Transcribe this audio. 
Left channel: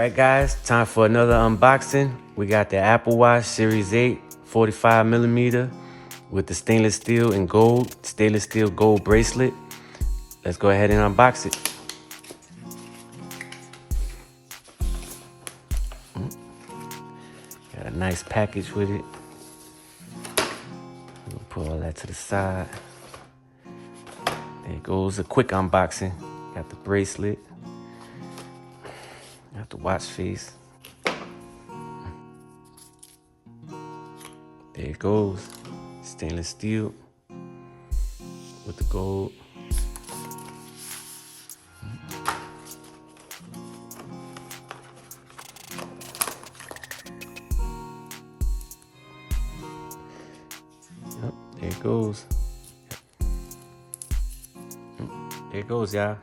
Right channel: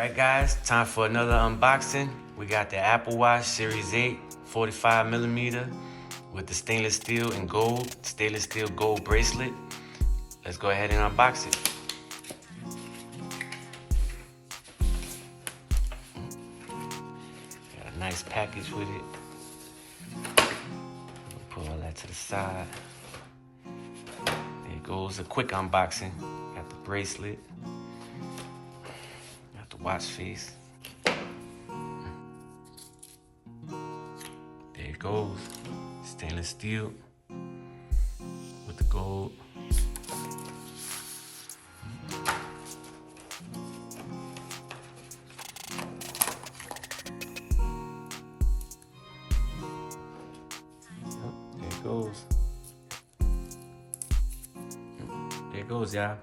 Alright guys, time for another unboxing. We got the Apple Watch Series 8 45mm with the stainless steel gold bracelet. Let's go ahead and unbox it. Got a nice package with it. Put all that to the side. There goes a quick unboxing. Got the bracelet. Got the watch face. There it goes. Stainless steel with the gold. There it goes. There it goes, y'all.